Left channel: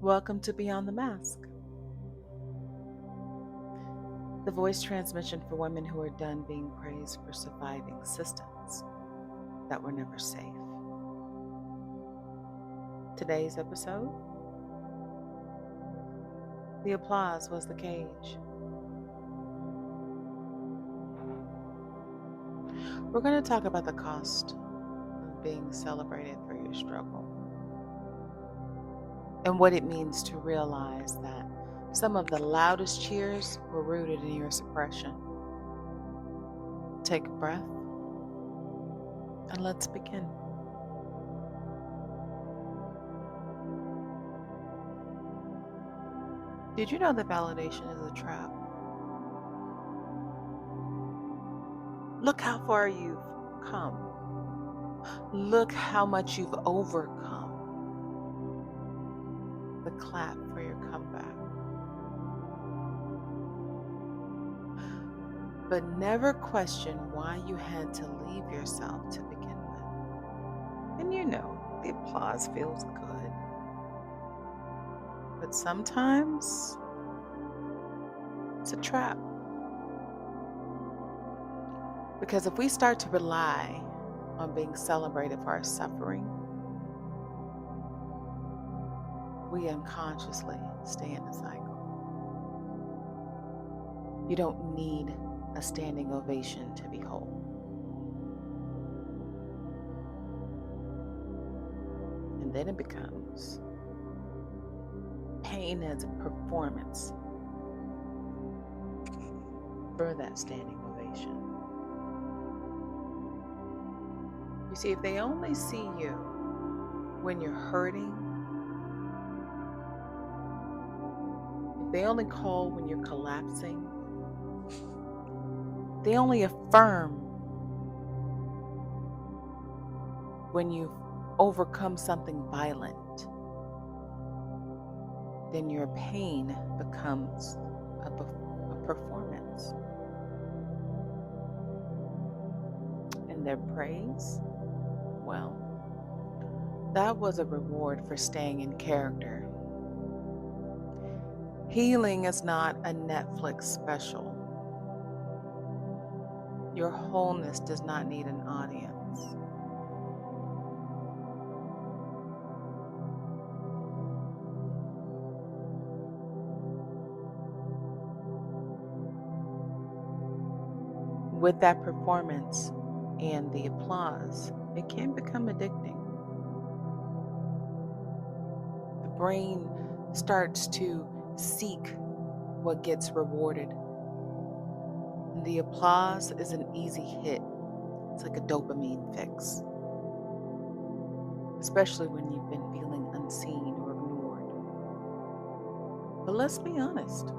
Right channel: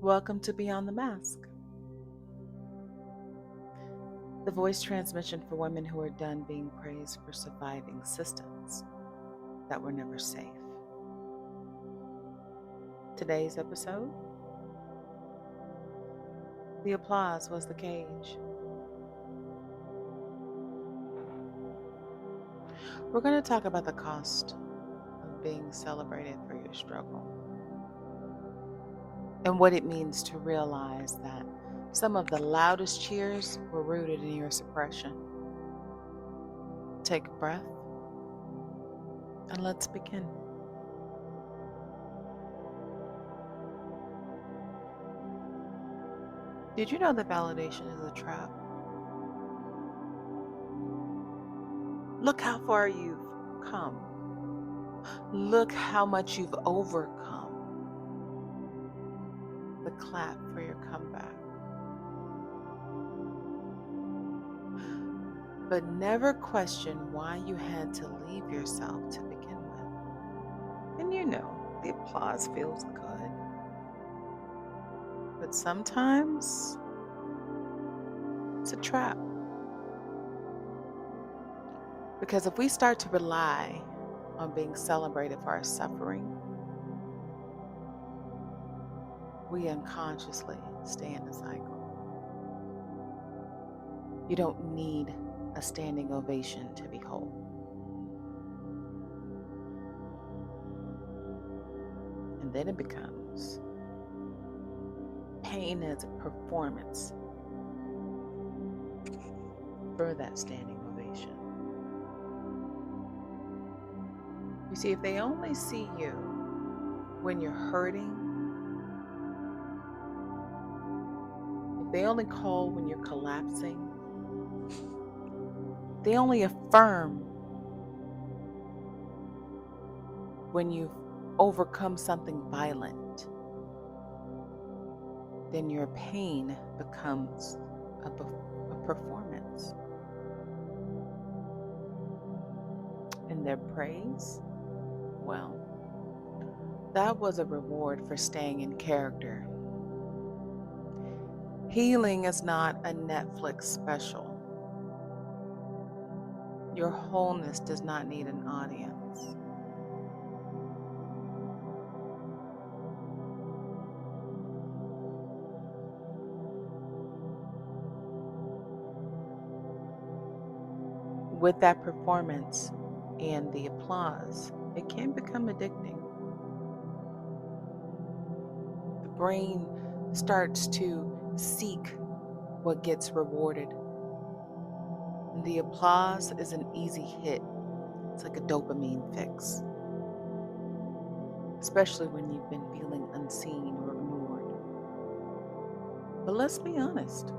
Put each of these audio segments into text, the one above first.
Welcome to Beyond the Mask, the voice transmission for women who are done being praised for surviving systems that were never safe. Today's episode: the applause was the cage. We're going to talk about the cost of being celebrated for your struggle and what it means to realize that some of the loudest cheers were rooted in your suppression. Take a breath and let's begin. Did you know that validation is a trap? Look how far you've come. Look how much you've overcome. The clap for your comeback. But never question why you had to leave yourself to begin with. And you know, the applause feels good. But sometimes it's a trap. Because if we start to rely on being celebrated for our suffering, we unconsciously stay in the cycle. You don't need a standing ovation to be whole. And then it becomes pain as a performance for that standing ovation. You see, if they only see you when you're hurting, if they only call when you're collapsing, they only affirm when you've overcome something violent, then your pain becomes a performance. And their praise, well, that was a reward for staying in character. Healing is not a Netflix special. Your wholeness does not need an audience. With that performance and the applause, it can become addicting. The brain starts to seek what gets rewarded. And the applause is an easy hit. It's like a dopamine fix, especially when you've been feeling unseen or ignored. But let's be honest.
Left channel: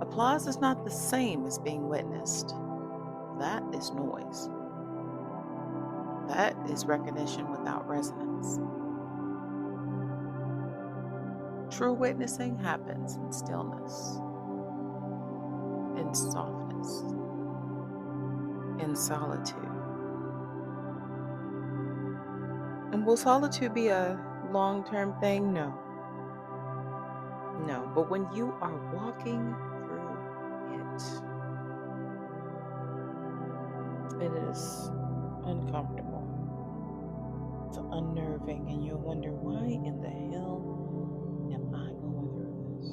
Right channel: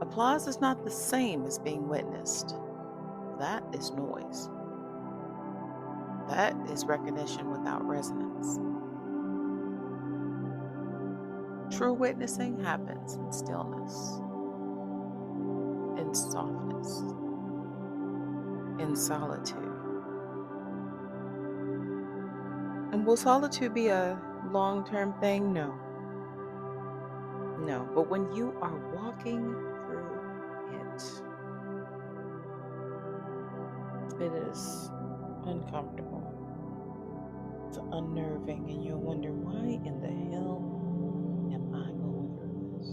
Applause is not the same as being witnessed. That is noise. That is recognition without resonance. True witnessing happens in stillness, in softness, in solitude. And will solitude be a long-term thing? No. No, but when you are walking through it is uncomfortable. It's unnerving, and you'll wonder, why in the hell am I going through this?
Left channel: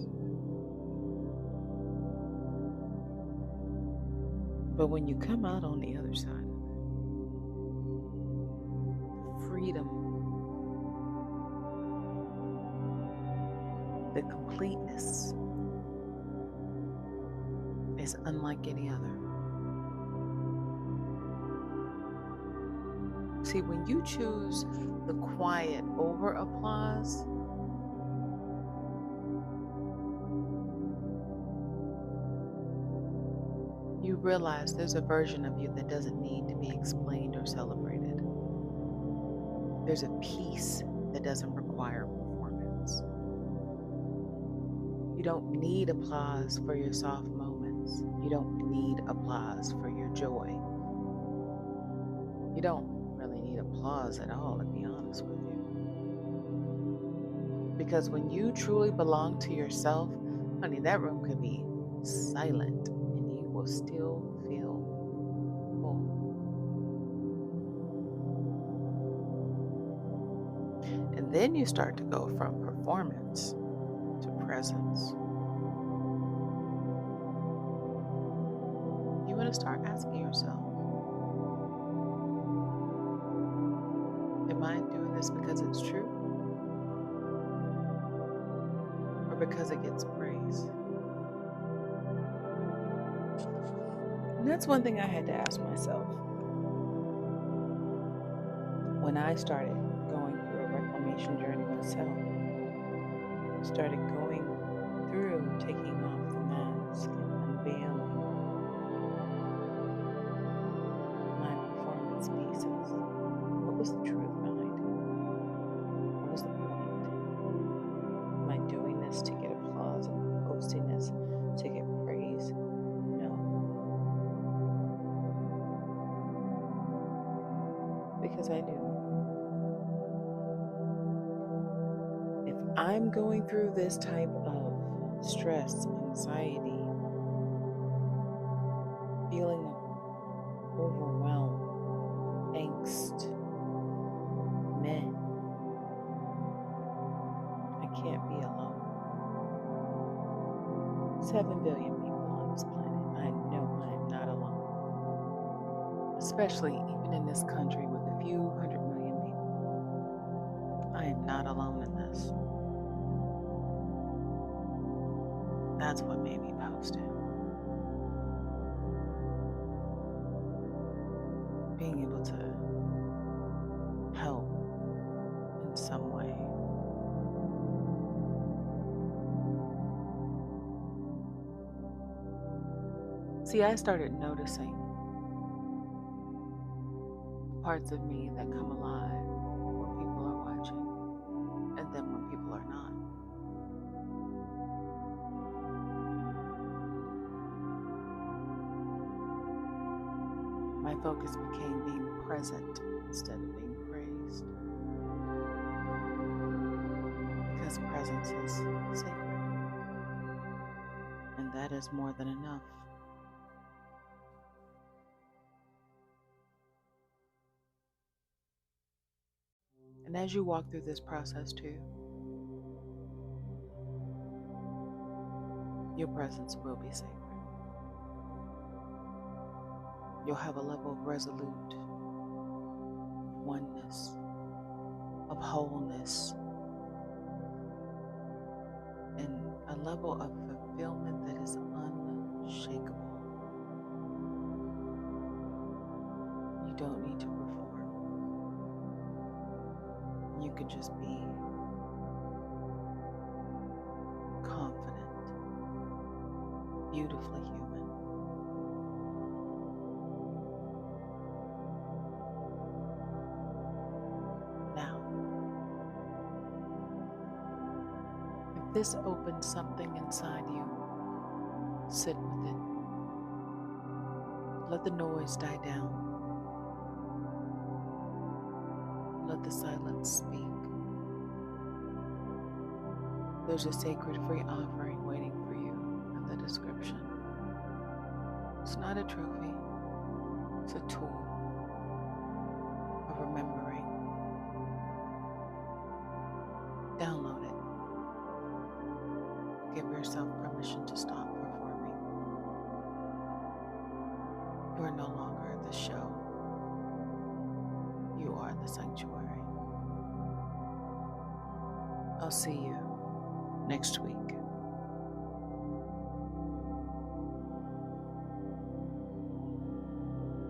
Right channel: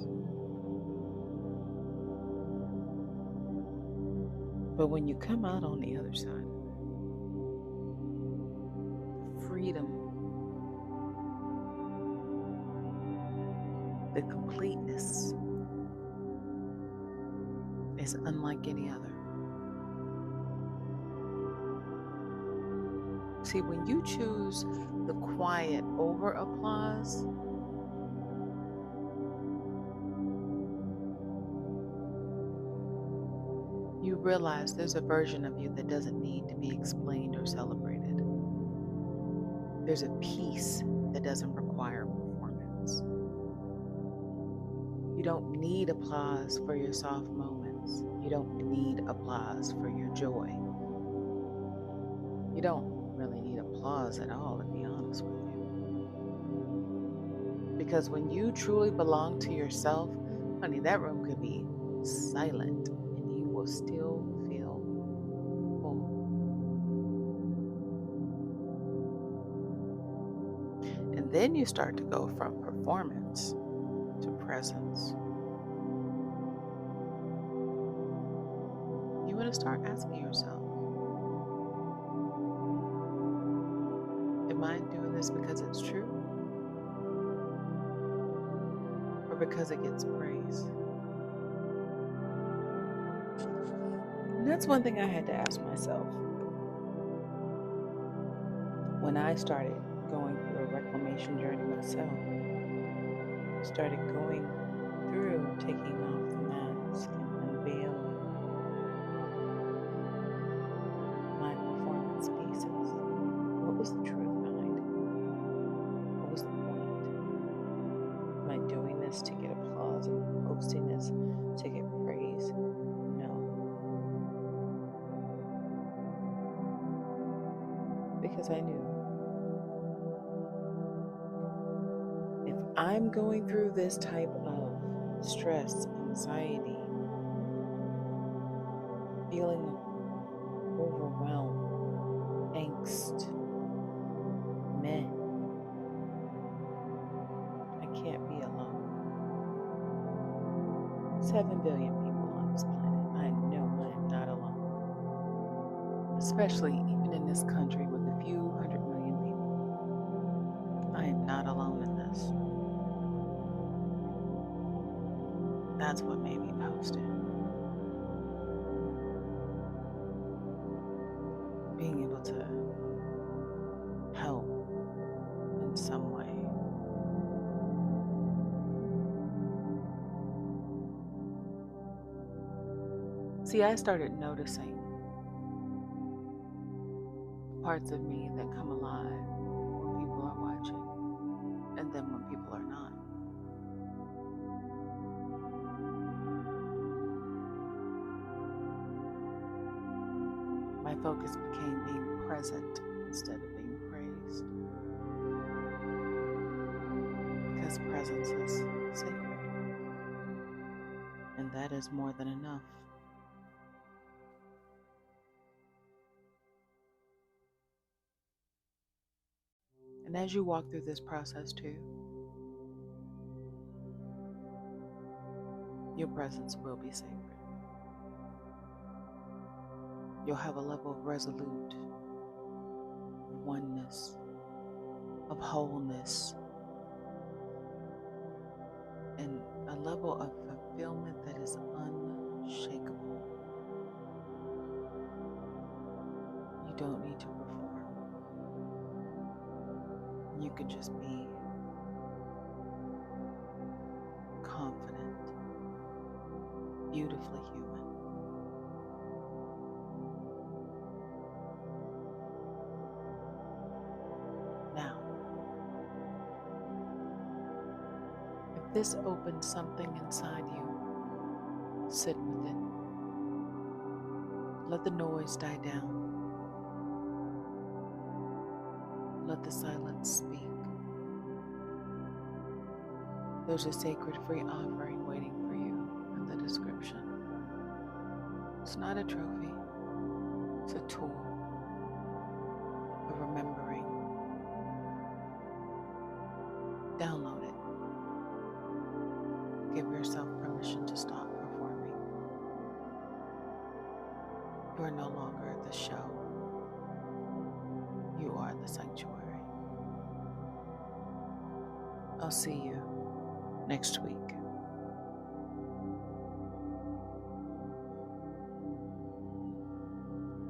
But when you come out on the other side of it, freedom, the completeness is unlike any other. See, when you choose the quiet over applause, you realize there's a version of you that doesn't need to be explained or celebrated. There's a peace that doesn't require performance. You don't need applause for your soft moments. You don't need applause for your joy. You don't really need applause at all, to be honest with you. Because when you truly belong to yourself, honey, that room could be silent and you will still feel full. And then you start to go from performance to presence. You want to start asking yourself, am I doing this because it's true or because it gets praise? And that's one thing I had to ask myself when I started going through a reclamation journey myself. Started going through taking off the mask and unveiling my performance pieces. What was the truth behind it? What was the point? Am I doing this to get applause and posting this to get praise? No. Because I knew if I'm going through this type of stress, anxiety, feeling of overwhelm, angst, meh, I can't be alone. 7 billion people on this planet. I know I am not alone. Especially even in this country with a few 100 million people. I am not alone in this. That's what made me post it. Being able to help in some way. See, I started noticing parts of me that come alive when people are watching, and then when people are not. My focus became being present instead of being praised. Because presence is sacred. And that is more than enough. And as you walk through this process too, your presence will be sacred. You'll have a level of resolute, of oneness, of wholeness, and a level of fulfillment that is unshakable. You don't need to perform. You can just be confident, beautifully human. Now, if this opens something inside you, sit with it. Let the noise die down. Let the silence speak. There's a sacred free offering waiting for you in the description. It's not a trophy. It's a tool of remembering. Download it. Give yourself permission to stop performing. You are no longer the show. You are the sanctuary. I'll see you next week.